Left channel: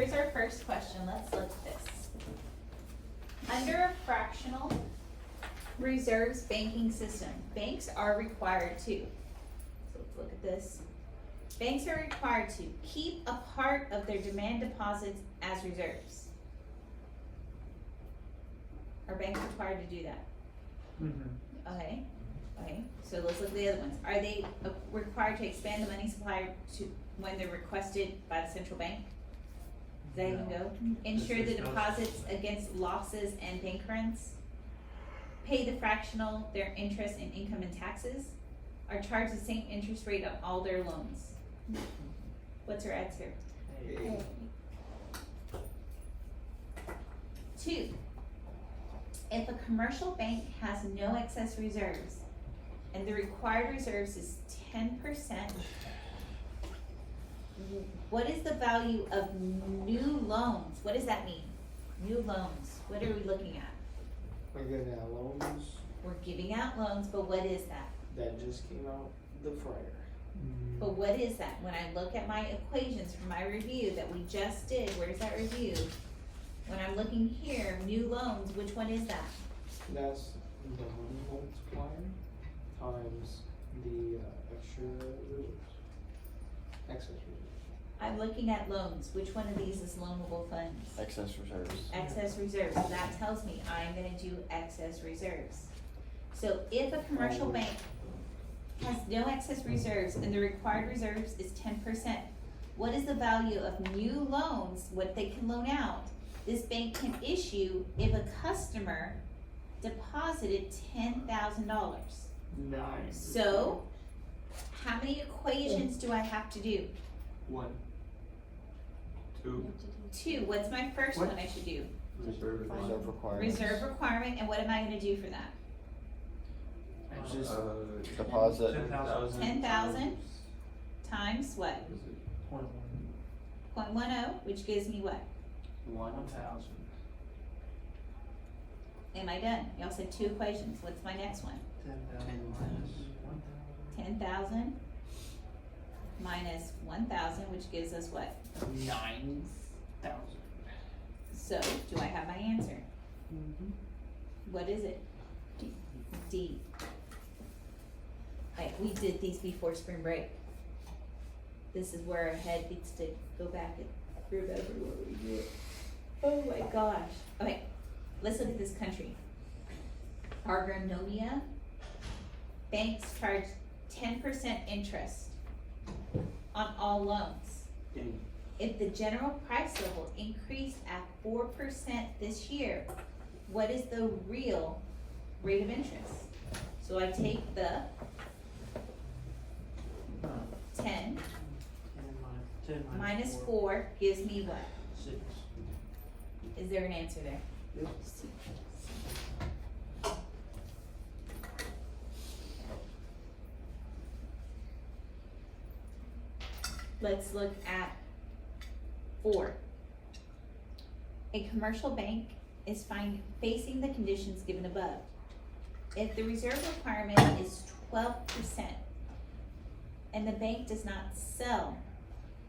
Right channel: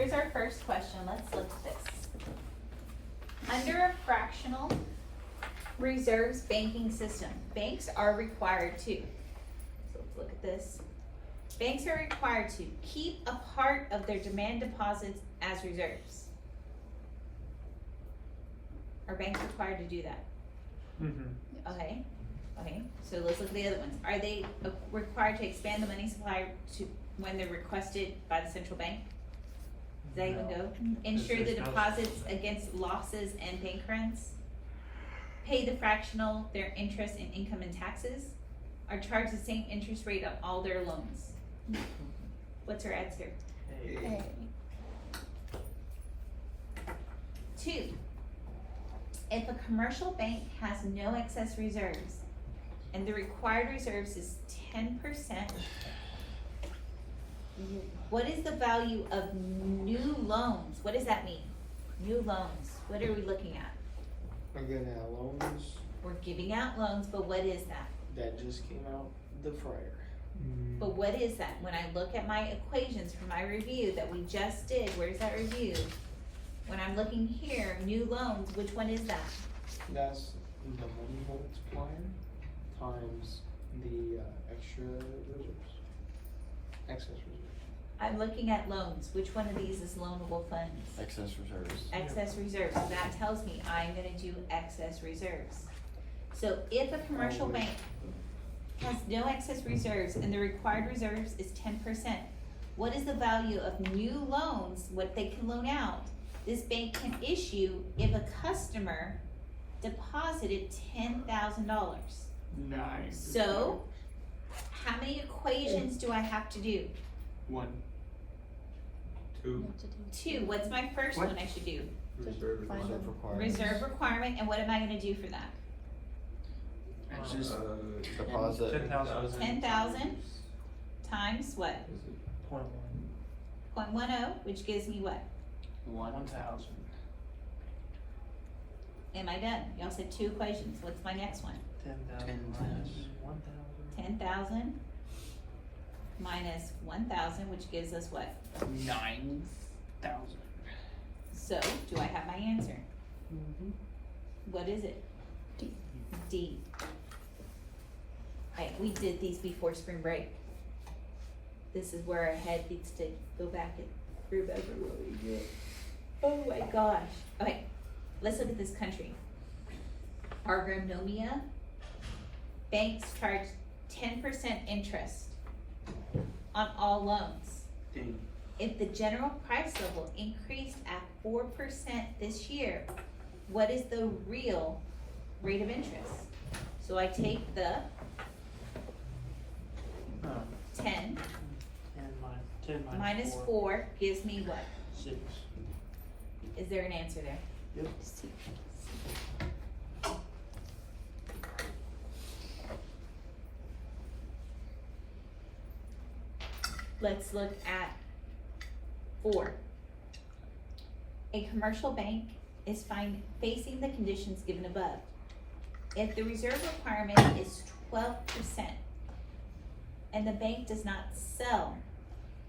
here's our first question, let's look at this. Under a fractional reserves banking system, banks are required to, so let's look at this. Banks are required to keep a part of their demand deposits as reserves. Are banks required to do that? Okay, so let's look at the other ones. Are they required to expand the money supply to, when they're requested by the central bank? Does that even go? Ensure the deposits against losses and bank runs? Pay the fractional their interest in income and taxes? Are charged the same interest rate on all their loans? What's our answer? A. 2. If a commercial bank has no excess reserves and the required reserves is 10%, what is the value of new loans? What does that mean? New loans, what are we looking at? We're getting out loans We're giving out loans, but what is that? that just came out the fryer. But what is that? When I look at my equations for my review that we just did, where's that review? When I'm looking here, new loans, which one is that? That's the money multiplier times the extra reserves. Excess reserves. I'm looking at loans, which one of these is loanable funds? Excess reserves. Excess reserves, so that tells me I'm gonna do excess reserves. So if a commercial bank has no excess reserves and the required reserves is 10%, what is the value of new loans, what they can loan out, this bank can issue if a customer deposited $10,000? Nice. So, how many equations do I have to do? 1, 2, 2, what's my first What? one I should do? Reserve requirements. Reserve requirement, and what am I gonna do for that? it's just Deposit. 10,000 times what? 0.10, which gives me what? 1,000. Am I done? Y'all said 2 equations, what's my next one? 10,000 minus 1,000, which gives us what? 9,000. So, do I have my answer? What is it? D. We did these before spring break. This is where our head needs to go back and remember what we did. Oh my gosh. Okay, let's look at this country. Agronomia. Banks charge 10% interest on all loans. Dang. If the general price level increased at 4% this year, what is the real rate of interest? So I take the 10 minus 4 gives me what? 6. Is there an answer there? Yep. Let's look at 4. A commercial bank is facing the conditions given above. If the reserve requirement is 12% and the bank does not sell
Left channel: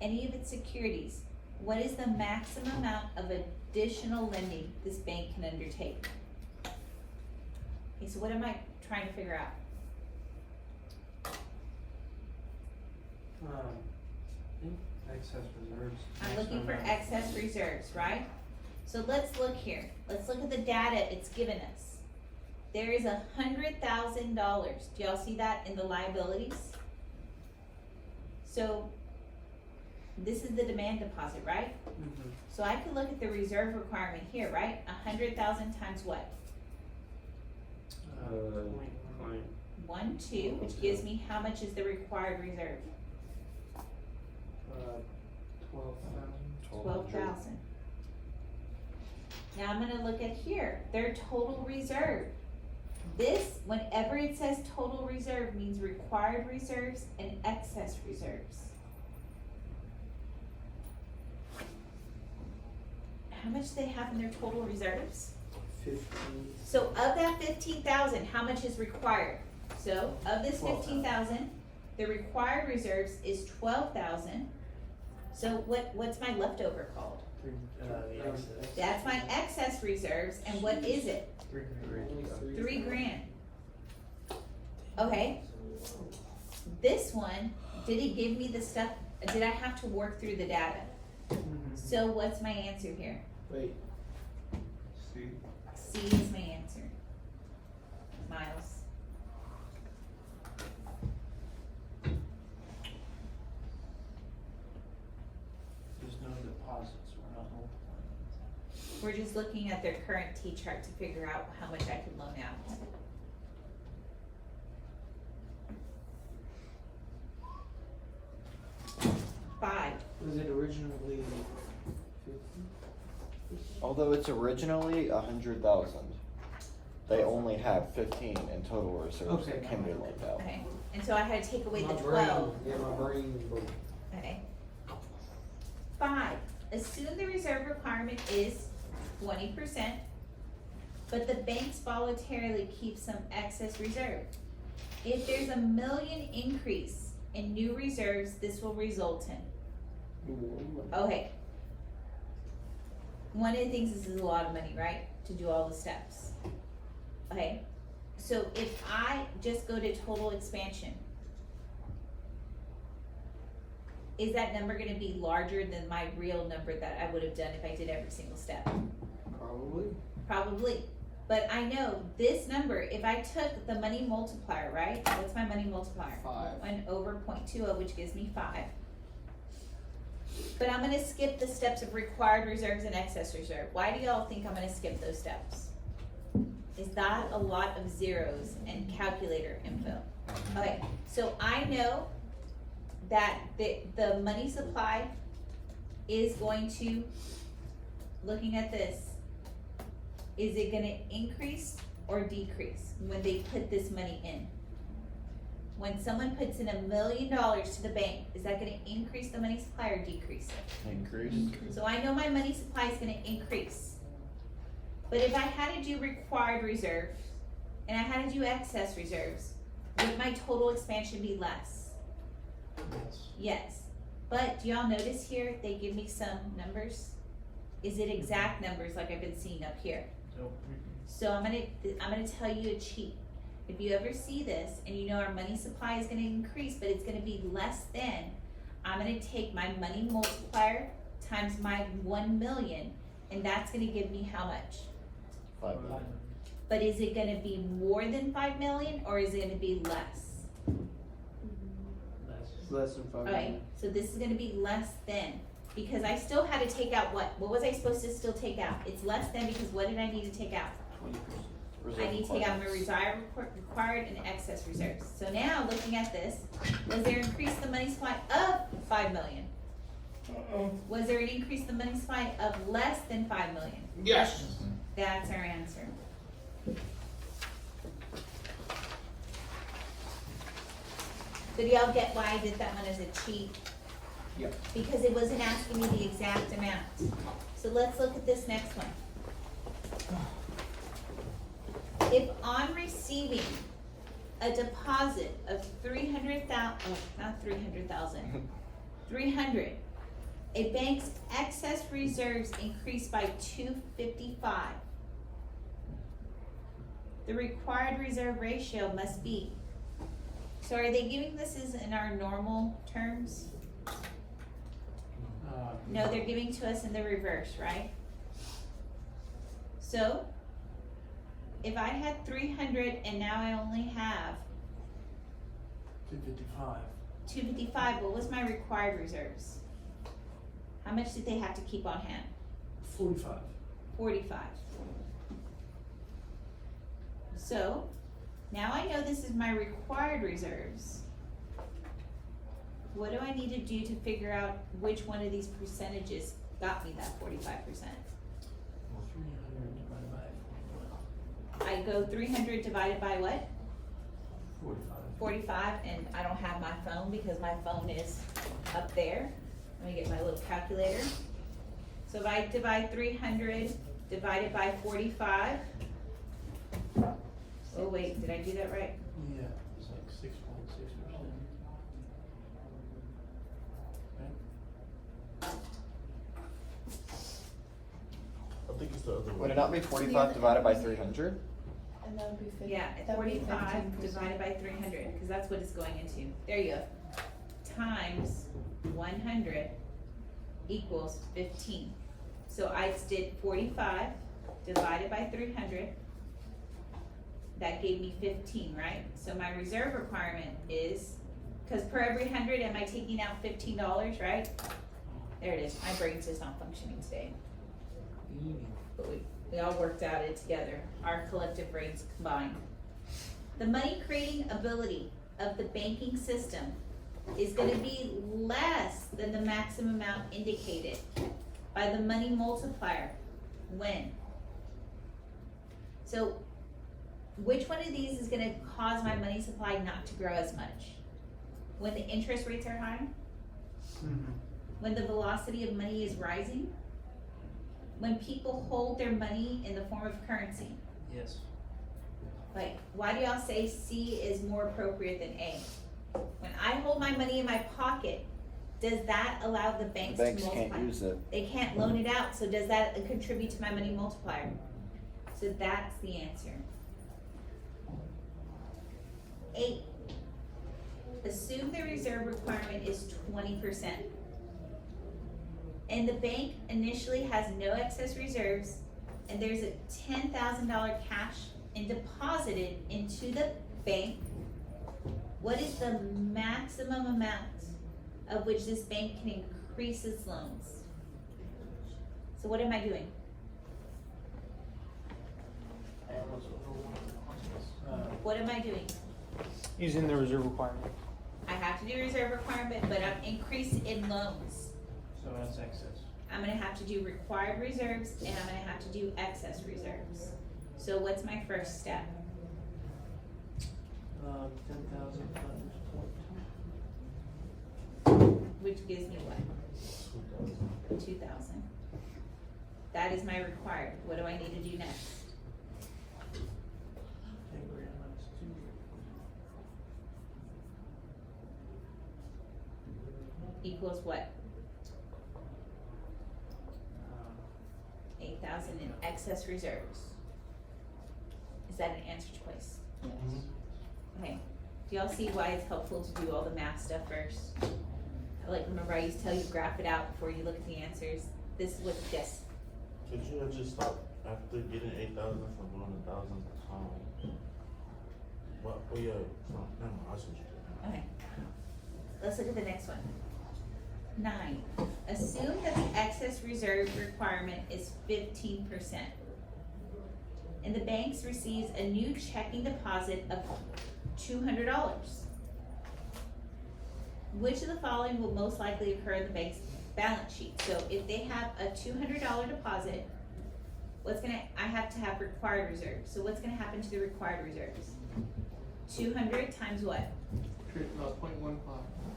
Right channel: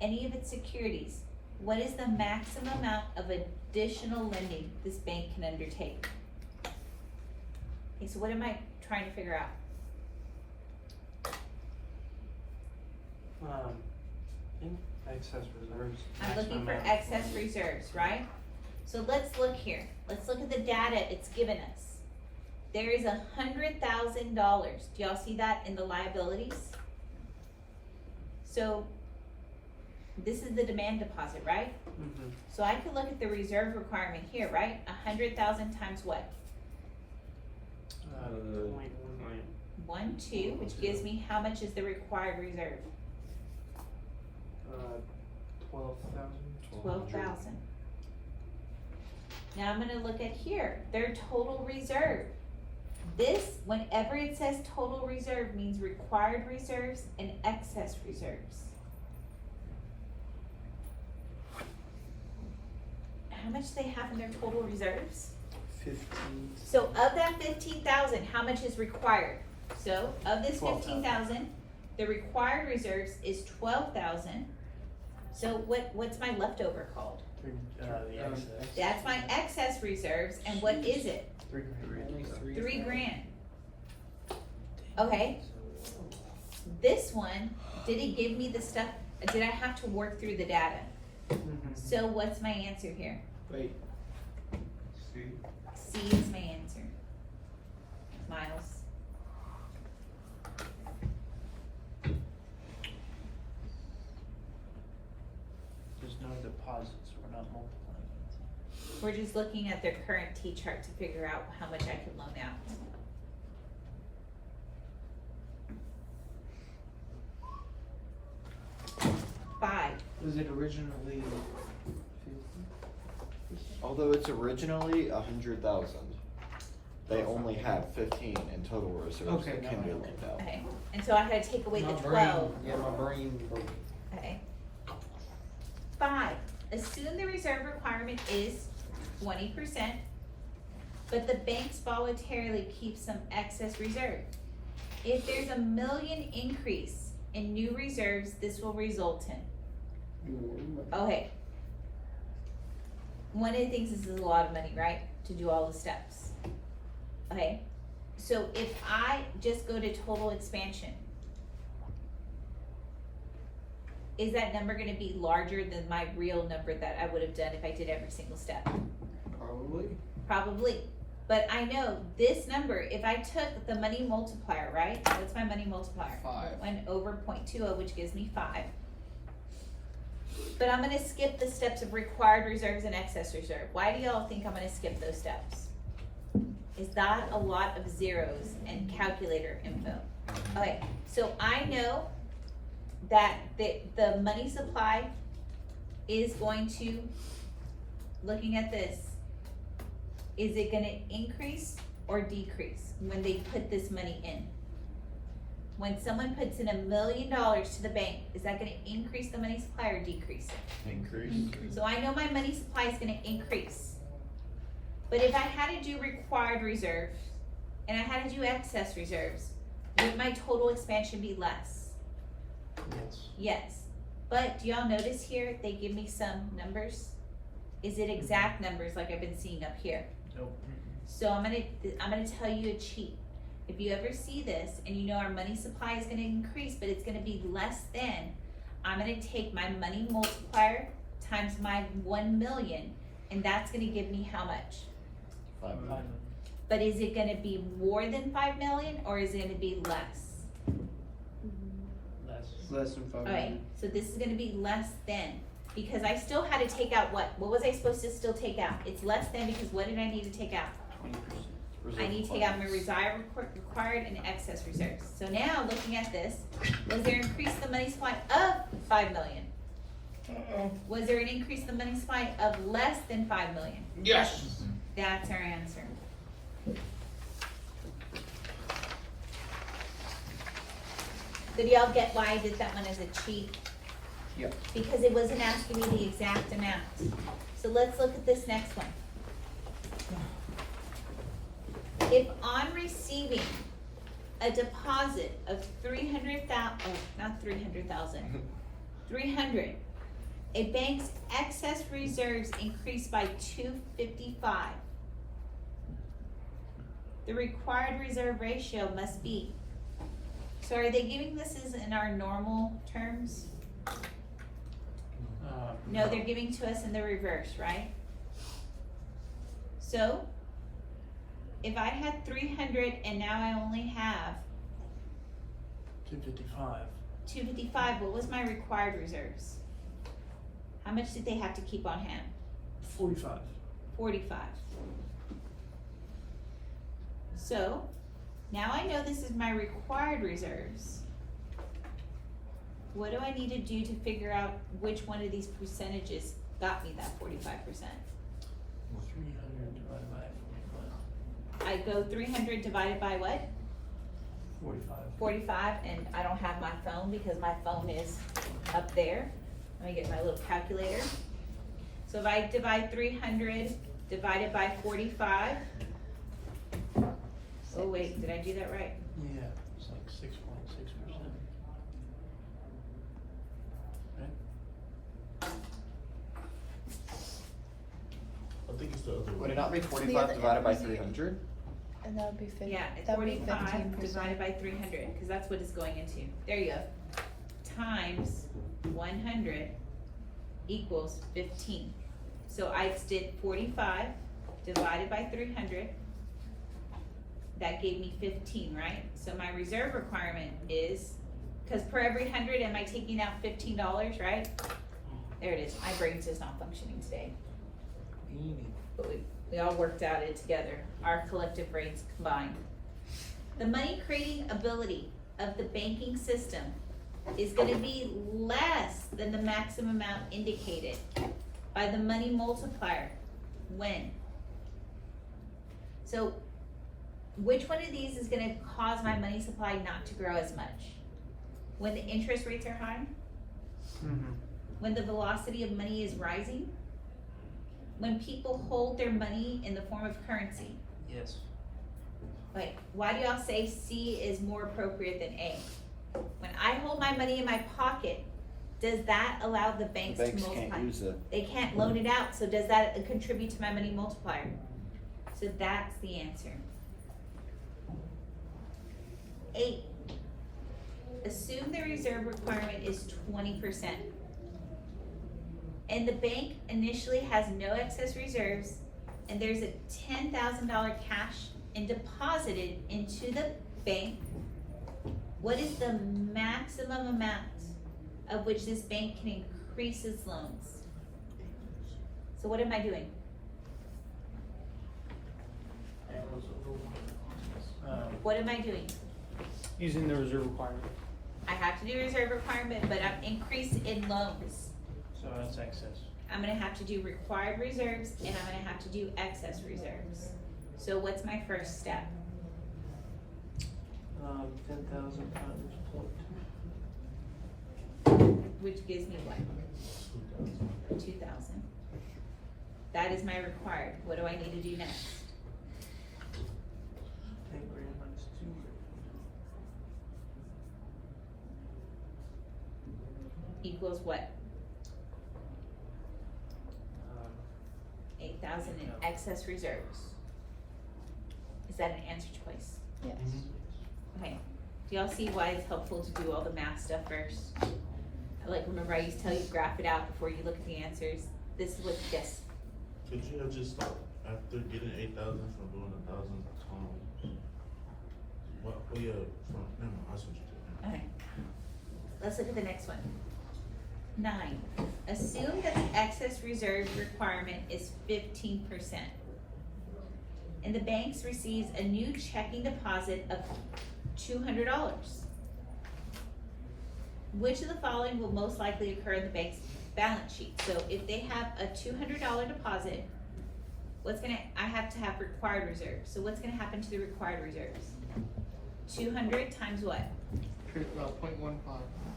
any of its securities, what is the maximum amount of additional lending this bank can undertake? Okay, so what am I trying to figure out? Excess reserves. I'm looking for excess reserves, right? So let's look here. Let's look at the data it's given us. There is $100,000. Do y'all see that in the liabilities? So this is the demand deposit, right? So I can look at the reserve requirement here, right? 100,000 times what? 1, 2, which gives me how much is the required reserve? 12,000. 12,000. Now I'm gonna look at here, their total reserve. This, whenever it says total reserve, means required reserves and excess reserves. How much do they have in their total reserves? 15. So of that 15,000, how much is required? So of this 12,000. 15,000, the required reserves is 12,000. So what's my leftover called? The excess. That's my excess reserves, and what is it? $3,000. Okay. This one, did it give me the stuff, did I have to work through the data? So what's my answer here? Wait, See? C is my answer. Miles. There's no deposits, we're not multiplying. We're just looking at their current T chart to figure out how much I can loan out. Five. was it originally 50? Although it's originally 100,000, they only have 15 in total reserves Okay, now I accumulated now. Okay, and so I had to take away the My 12. brain, yeah, my brain broke. Okay. Five, assume the reserve requirement is 20%, but the banks voluntarily keep some excess reserve. If there's a $1 million increase in new reserves, this will result in. Okay. One of the things is a lot of money, right, to do all the steps. Okay, so if I just go to total expansion, is that number gonna be larger than my real number that I would have done if I did every single step? Probably. Probably, but I know this number, if I took the money multiplier, right, what's my money multiplier? 5. 1 over 0.20, which gives me 5. But I'm gonna skip the steps of required reserves and excess reserve. Why do y'all think I'm gonna skip those steps? Is that a lot of zeros and calculator info? Okay, so I know that the money supply is going to, looking at this, is it gonna increase or decrease when they put this money in? When someone puts in $1 million to the bank, is that gonna increase the money supply or decrease it? Increase. So I know my money supply is gonna increase. But if I had to do required reserves, and I had to do excess reserves, would my total expansion be less? Yes. Yes. But do y'all notice here, they give me some numbers? Is it exact numbers like I've been seeing up here? Nope. So I'm gonna tell you a cheat. If you ever see this and you know our money supply is gonna increase, but it's gonna be less than, I'm gonna take my money multiplier times my 1 million, and that's gonna give me how much? 5 million. But is it gonna be more than 5 million, or is it gonna be less? Less than 5 Alright, million. so this is gonna be less than, because I still had to take out what? What was I supposed to still take out? It's less than because what did I need to take out? 20%. I need to take out my required and excess reserves. So now, looking at this, was there an increase in the money supply of 5 million? Was there an increase in the money supply of less than 5 million? Yes. That's our answer. Did y'all get why I did that one as a cheat? Yep. Because it wasn't asking me the exact amount. So let's look at this next one. If on receiving a deposit of 300, a bank's excess reserves increase by 255. The required reserve ratio must be. So are they giving this as in our normal terms? No, they're giving to us in the reverse, right? So, if I had 300 and now I only have 255. 255, what was my required reserves? How much did they have to keep on hand? 45. 45. So, now I know this is my required reserves. What do I need to do to figure out which one of these percentages got me that 45%? 300 divided by 45. I go 300 divided by what? 45. 45, and I don't have my phone because my phone is up there. Let me get my little calculator. So if I divide 300 divided by 45, oh wait, did I do that right? Yeah, it's like 6.6%. Right? the other one? Would it not be The 45 other divided by end was 300? And that would be 50. Yeah, that would be 45 15%. divided by 300, cause that's what it's going into. There you go. Times 100 equals 15. So I did 45 divided by 300. That gave me 15, right? So my reserve requirement is, cause per every 100, am I taking out $15, right? There it is. My brain's just not functioning today. But we all worked out it together, our collective brains combined. The money creating ability of the banking system is gonna be less than the maximum amount indicated by the money multiplier. When? So, which one of these is gonna cause my money supply not to grow as much? When the interest rates are high? When the velocity of money is rising? When people hold their money in the form of currency? Yes. Like, why do y'all say C is more appropriate than A? When I hold my money in my pocket, does that allow the banks to Banks multiply? can't use it. They can't loan it out, so does that contribute to my money multiplier? So that's the answer. 8, assume the reserve requirement is 20%. And the bank initially has no excess reserves, and there's a $10,000 cash and deposited into the bank. What is the maximum amount of which this bank can increase its loans? So what am I doing? What am I doing? Using the reserve requirement, I have to do reserve requirement, but I'm increase in loans. so it's excess. I'm gonna have to do required reserves and I'm gonna have to do excess reserves. So what's my first step? 10,000 times 0.2. Which gives me what? 2,000. That is my required. What do I need to do next? 10 grand minus 2. Equals what? 8,000 in excess reserves. Is that an answer choice? Yes. Okay. Do y'all see why it's helpful to do all the math stuff first? Like, remember I used to tell you graph it out before you look at the answers? This is what this. Could you have just stopped after getting 8,000 from doing 1,000 times? What, oh yeah, never mind, I see what you did. Okay. Let's look at the next one. 9, assume that the excess reserve requirement is 15%. And the banks receives a new checking deposit of $200. Which of the following will most likely occur in the bank's balance sheet? So if they have a $200 deposit, I have to have required reserves. So what's gonna happen to the required reserves? 200 times what? 0.15,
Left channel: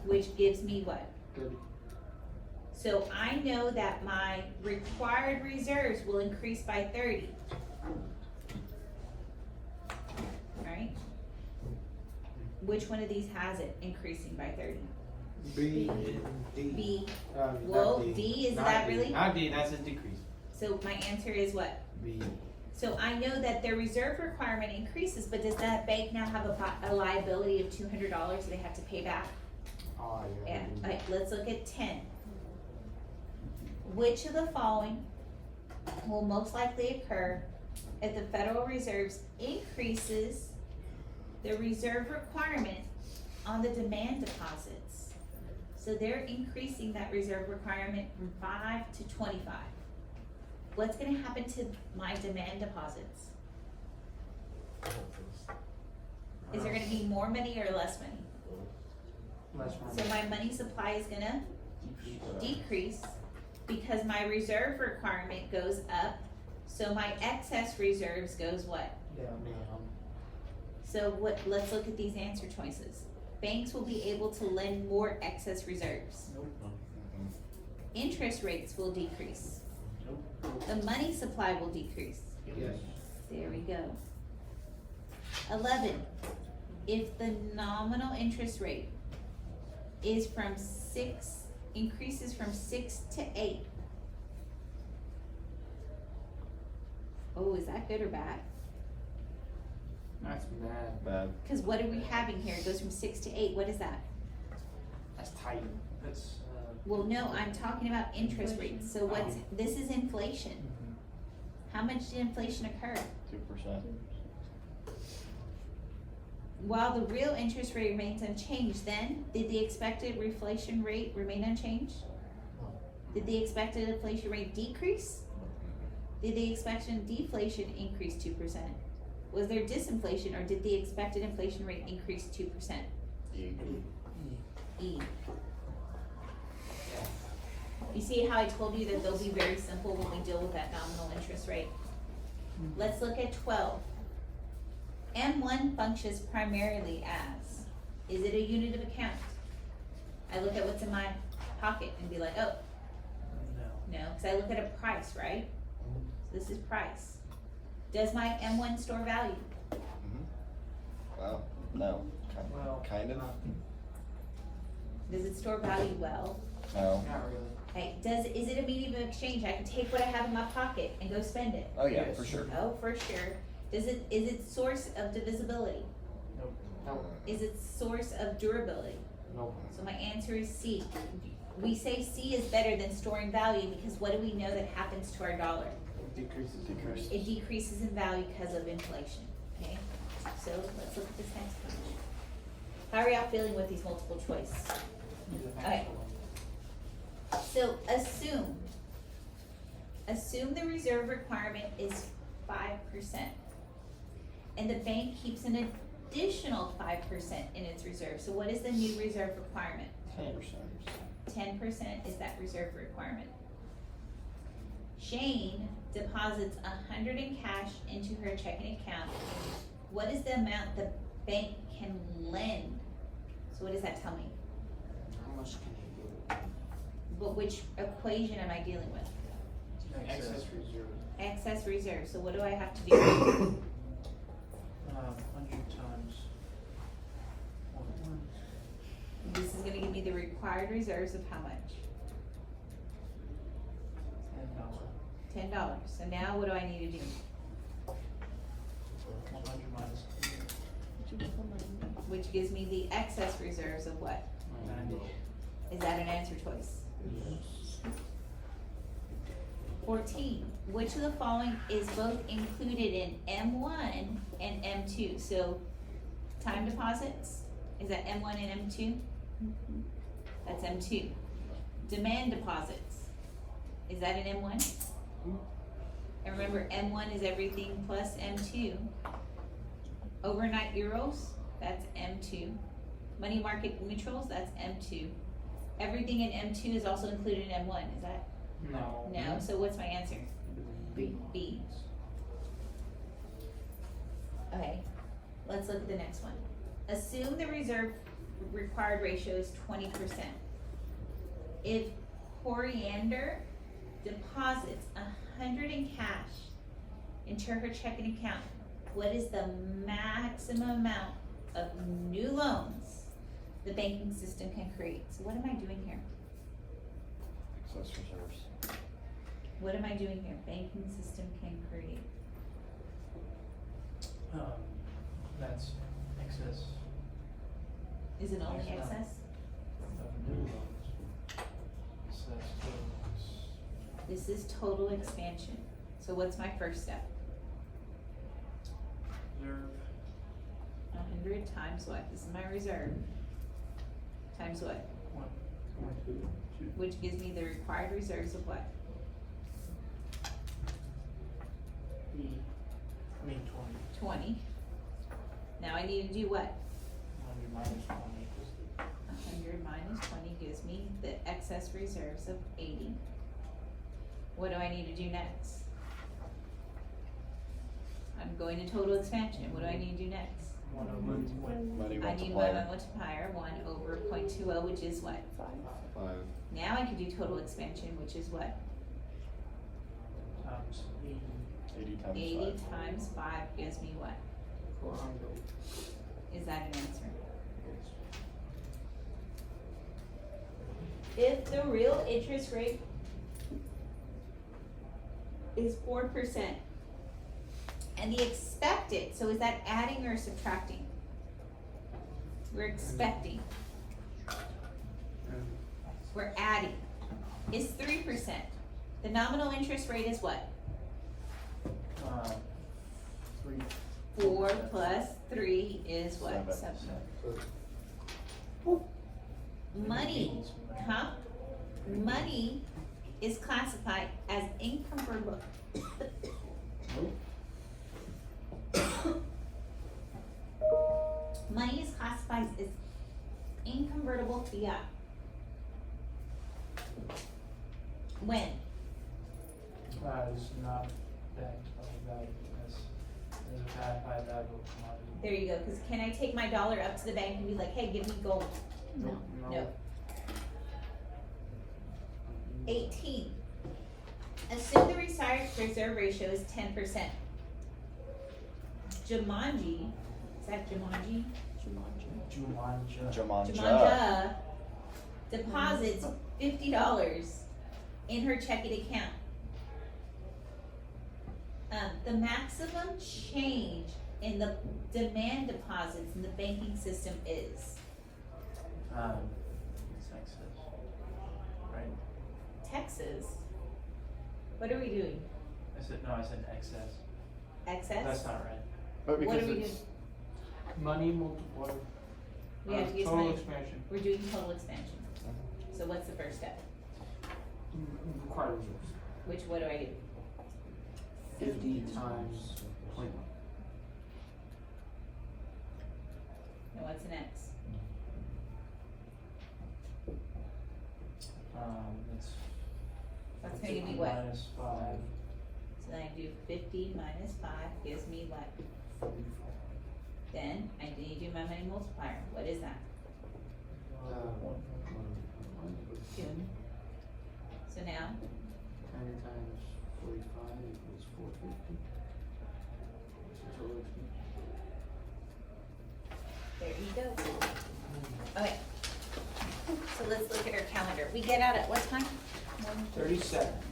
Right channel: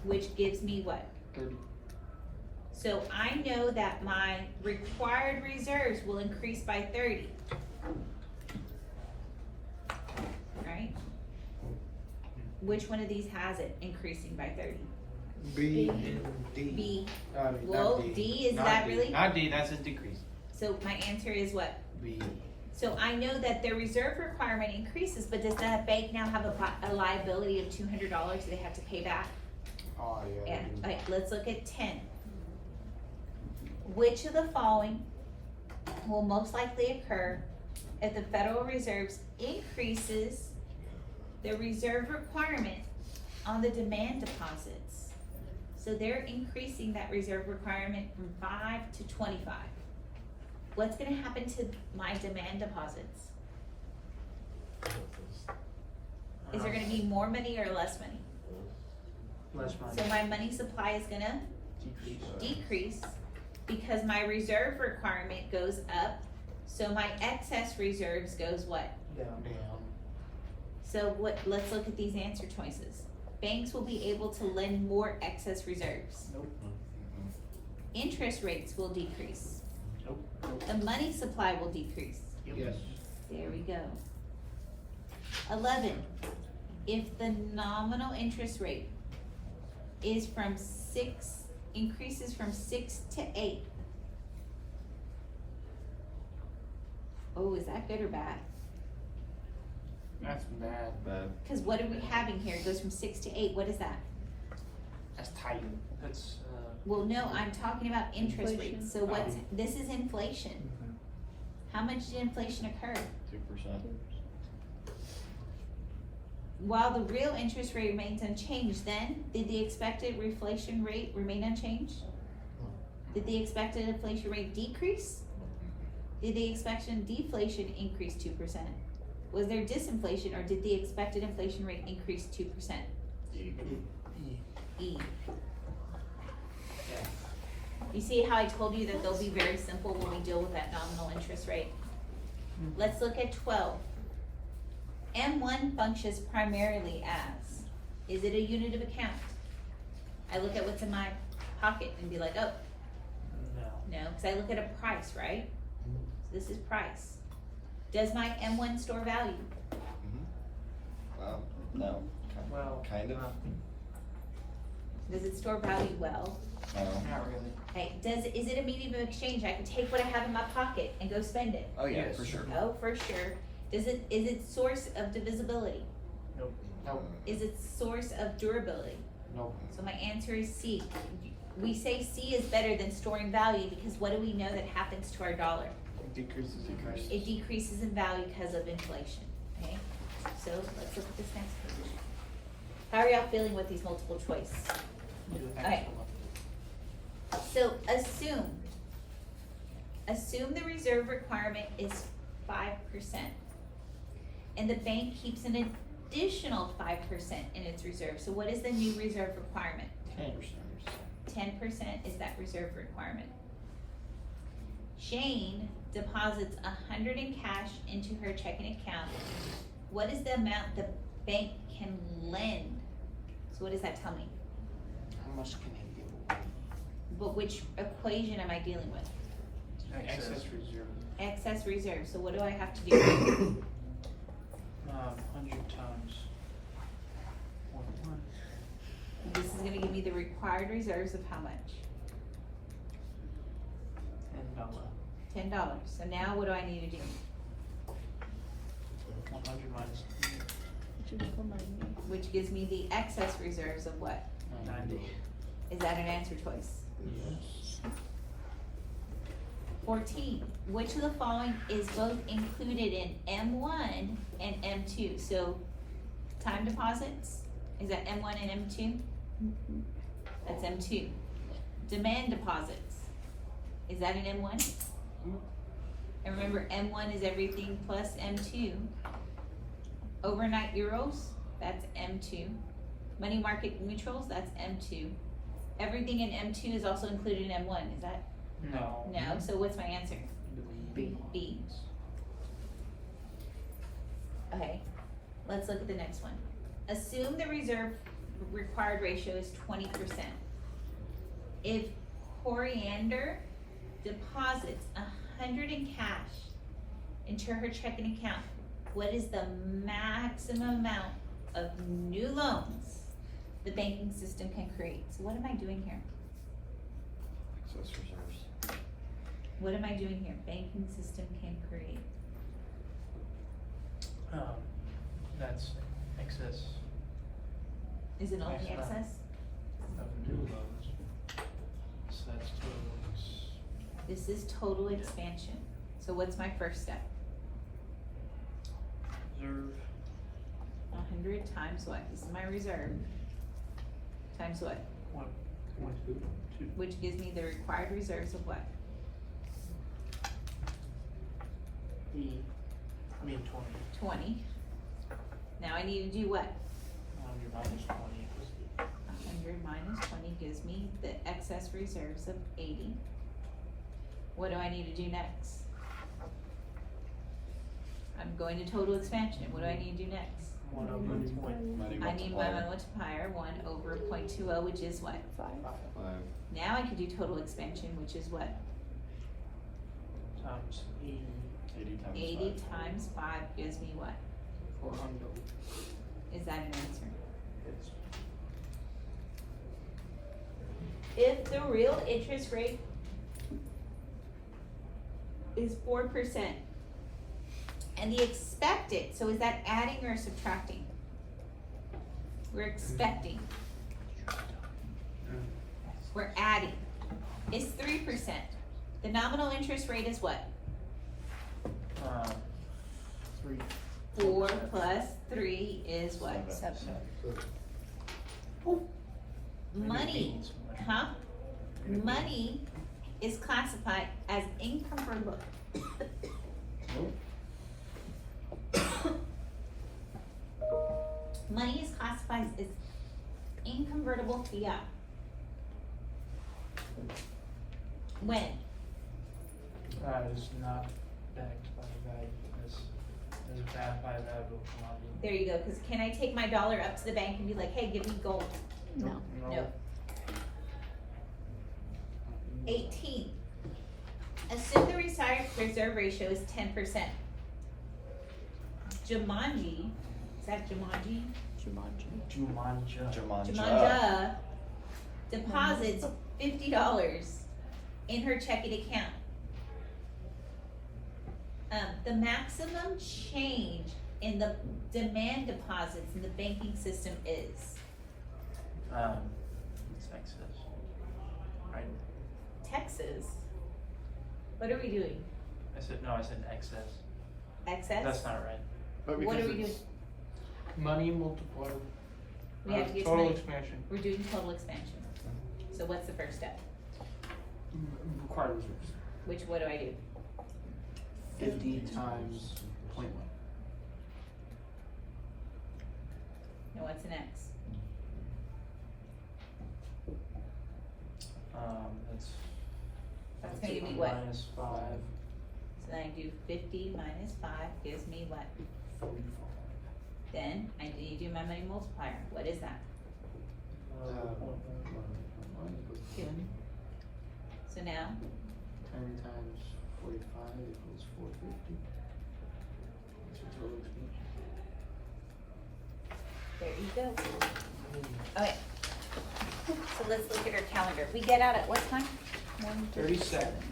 Which gives me what? 30. So I know that my required reserves will increase by 30. Alright? Which one of these has it increasing by 30? B and D. B. Not Well, D. D, is Not that D. really? Not D, that's a decrease. So my answer is what? B. So I know that their reserve requirement increases, but does that bank now have a liability of $200 that they have to pay back? Oh, yeah. Yeah, B. alright, let's look at 10. Which of the following will most likely occur if the Federal Reserve increases their reserve requirement on the demand deposits? So they're increasing that reserve requirement from 5 to 25. What's gonna happen to my demand deposits? Is there gonna be more money or less money? Less So money. my money supply is gonna Decrease. decrease because my reserve requirement goes up, so my excess reserves goes what? Down. Down. So let's look at these answer choices. Banks will be able to lend more excess reserves. Interest rates will decrease. The money supply will decrease. Yes. There we go. 11, if the nominal interest rate is increases from 6 to 8, Oh, is that good or bad? That's bad. Bad. Cause what are we having here? It goes from 6 to 8, what is that? That's tight. That's, Well, no, I'm talking about interest Inflation. rates, so what's, this is inflation. How much did inflation occur? 2%. While the real interest rate remains unchanged, then, did the expected inflation rate remain unchanged? Did the expected inflation rate decrease? Did the expected deflation increase 2%? Was there disinflation, or did the expected inflation rate increase 2%? E. You see how I told you that they'll be very simple when we deal with that nominal interest rate? Let's look at 12. M1 functions primarily as, is it a unit of account? I look at what's in my pocket and be like, oh, no. no, cause I look at a price, right? So this is price. Does my M1 store value? Well, no. Well, Kind of. Does it store value well? No. Not really. Okay, is it a medium of exchange? I can take what I have in my pocket and go spend it. Oh, yeah, Yes. for sure. Oh, for sure. Is it source of divisibility? Nope. Is it source of durability? Nope. So my answer is C. We say C is better than storing value because what do we know that happens to our dollar? It decreases. It decreases in value because of inflation, okay? So let's look at this next page. How are y'all feeling with these multiple choice? Okay. So assume the reserve requirement is 5%. And the bank keeps an additional 5% in its reserve. So what is the new reserve requirement? 10%. 10% is that reserve requirement. Jane deposits 100 in cash into her checking account. What is the amount the bank can lend? So what does that tell me? How much can he give? But which equation am I dealing with? Excess reserve. Excess reserve, so what do I have to do? 100 times 1. This is gonna give me the required reserves of how much? $10. $10. So now what do I need to do? 100 minus Which gives me the excess reserves of what? 90. Is that an answer choice? Yes. 14, which of the following is both included in M1 and M2? So, time deposits, is that M1 and M2? That's M2. Demand deposits, is that an M1? And remember, M1 is everything plus M2. Overnight Euros, that's M2. Money market mutuals, that's M2. Everything in M2 is also included in M1, is that? No. No, so what's my answer? B. B. Okay, let's look at the next one. Assume the reserve required ratio is 20%. If Coriander deposits 100 in cash into her checking account, what is the maximum amount of new loans the banking system can create? So what am I doing here? Excess reserves. What am I doing here? Banking system can create. That's excess Is it only Excellent. excess? of new loans. So that's total. This is total expansion. So what's my first step? Reserve 100 times what? This is my reserve. Times what? 1. Which gives me the required reserves of what? B. I mean 20. 20. Now I need to do what? 100 minus 20 equals 100 minus 20 gives me the excess reserves of 80. What do I need to do next? I'm going to total expansion. What do I need to do next? 1 over point. I need one multiplier, 1 over 0.20, which is what? 5. Now I can do total expansion, which is what? Times 80. 80 times 80 5. times 5 gives me what? 400. Is that an answer? If the real interest rate is 4%, And the expected, so is that adding or subtracting? We're expecting. We're adding. Is 3%. The nominal interest rate is what? 3. 4 plus 3 is what? 7. Money, huh? Money is classified as inconvertible. Money is classified as inconvertible fiat. When? Is not backed by the value, is backed by the value of commodity. There you go, cause can I take my dollar up to the bank and be like, hey, give me gold? No. 18. Assume the reserve ratio is 10%. Jumanji, is that Jumanji? Jumanja. Jumanja deposits $50 in her checking account. The maximum change in the demand deposits in the banking system is It's excess. Right? Texas. What are we doing? I said excess. Excess? That's not right. But What are because we doing? it's money multiplied, We have to get total money. expansion. We're doing total expansion. So what's the first step? Required reserves. Which, what do I do? 50 times 0.1. And what's next? That's gonna be what? Minus 5. So then I do 50 minus 5 gives me what? 44. Then I need to do my money multiplier. What is that? 1 equals 10. So now, 10 times 45 equals 450. What's your total expansion? there you go. Okay. So let's look at our calendar. We get out at what time? 30 seconds.